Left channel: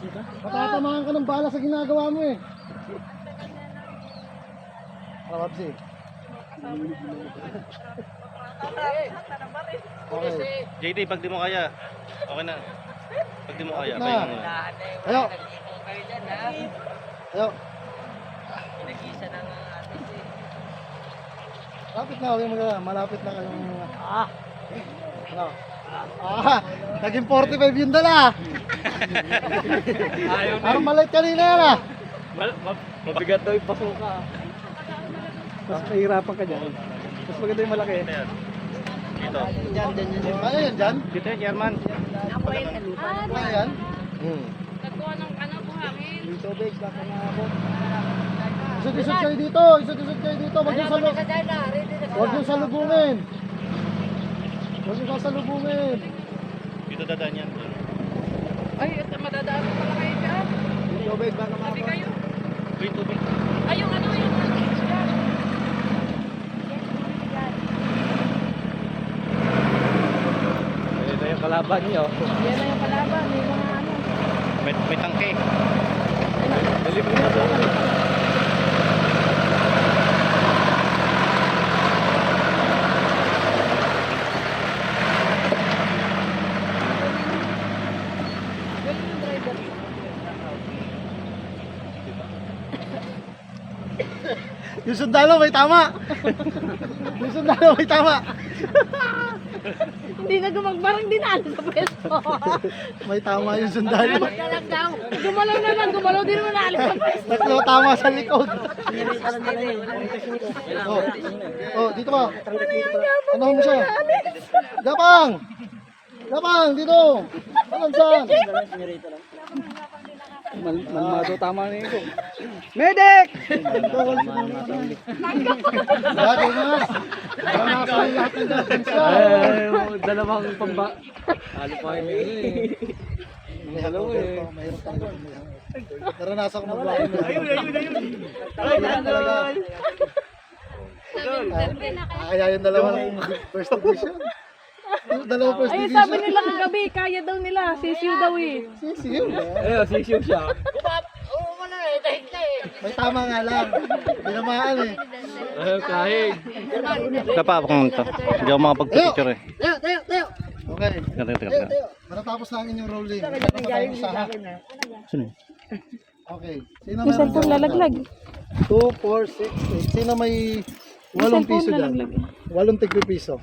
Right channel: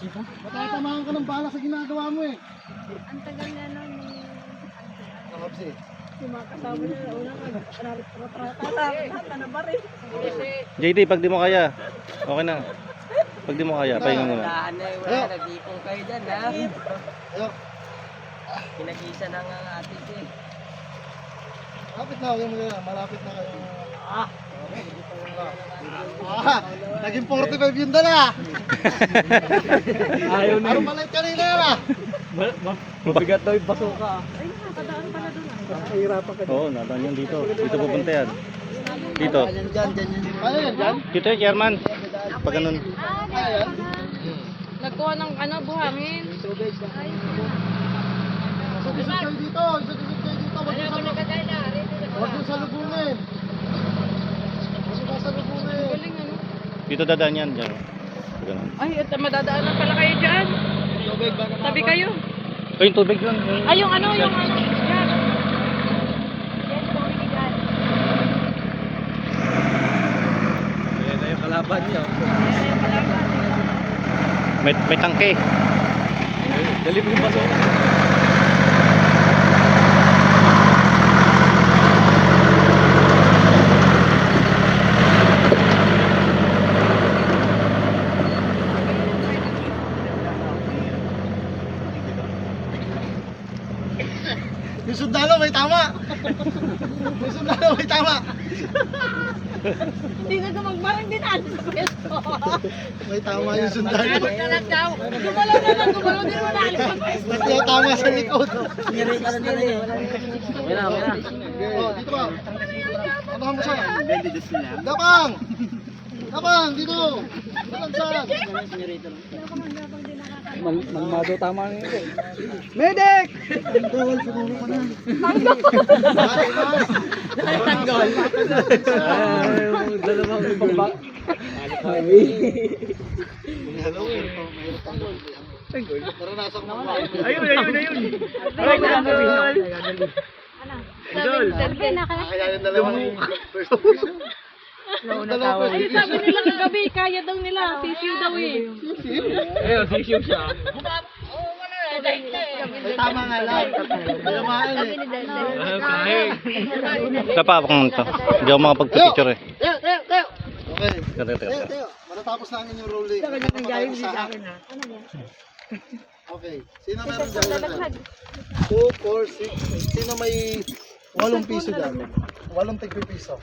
Matatamaan ka ng bala sa ginagawa mo eh. Kapsi. JT, pag di mo kaya, okay na. Pag di mo kaya, pahinga muna. Ayo. Ayo. Pinag-isa ng atis eh. Malapit na, huwag mo na. Malapit na kayo. Naging 45 yun dala. Ayaw na. Parang maliit kanina yan ah. Mabigat daw yung basuka. Mas nahihirapan ka dyan. Oo, naman yun dito. Mas maganda yung malaki. Dito, yan. Dito. Ano yan dyan? Dito yung chairman. Pag ganun. Ano yan? Nagkuha ng buhangin. Tubig, baka na ako. Isod-isod kayo dito. Isod-isod kayo dito. Huwag yung salubungin. Huwag yung salubungin. Dito dadaan yan. Dyan. Ay, madadaanan pala kayo dyan. Tubig, baka na Sabi kayo. Ito yung tubig lang. Ay, yung ano, yung... Ayan na yung kalaban niyo. May tangke. Dali mo yung basuka. Yung sundalo may tama. Yung sundalo may tama. Hindi na gumagbarang din alis sa pwesto. May tama yung sundalo. Gumalaw naman, gumalaw din naman alis sa pwesto. Tatlo tama sa likod. Sinirita na nila eh. Wala, wala. Oh, dito ka. Ano mo siya? Gapang! Gapang, dito! Saan saan? Malmado tama na ito. Medic! Dalawang ibang ba? May Halloween. Naranasan ko mag Ayun. Ay, nandun! Idol! Kaya yung dalawang first edition. Yung dalawang first Ay, edition. sabi nila kagabi, kaya daw nila. Sisiw daw eh. Sisiyo. Ayun, sisiw siya. May tama nga lang. Tinamaan eh. Kahig. Kapapak mo ito. Hindi ako makapagpapicture eh. Okay. Teka. Matatapos namin yung rolling. Galing sa akin ha. Okay. Sino meron dyan? Lalaglag. 2, 4, 6, 8. Sino may 8 piso dyan? 8 tigpi piso.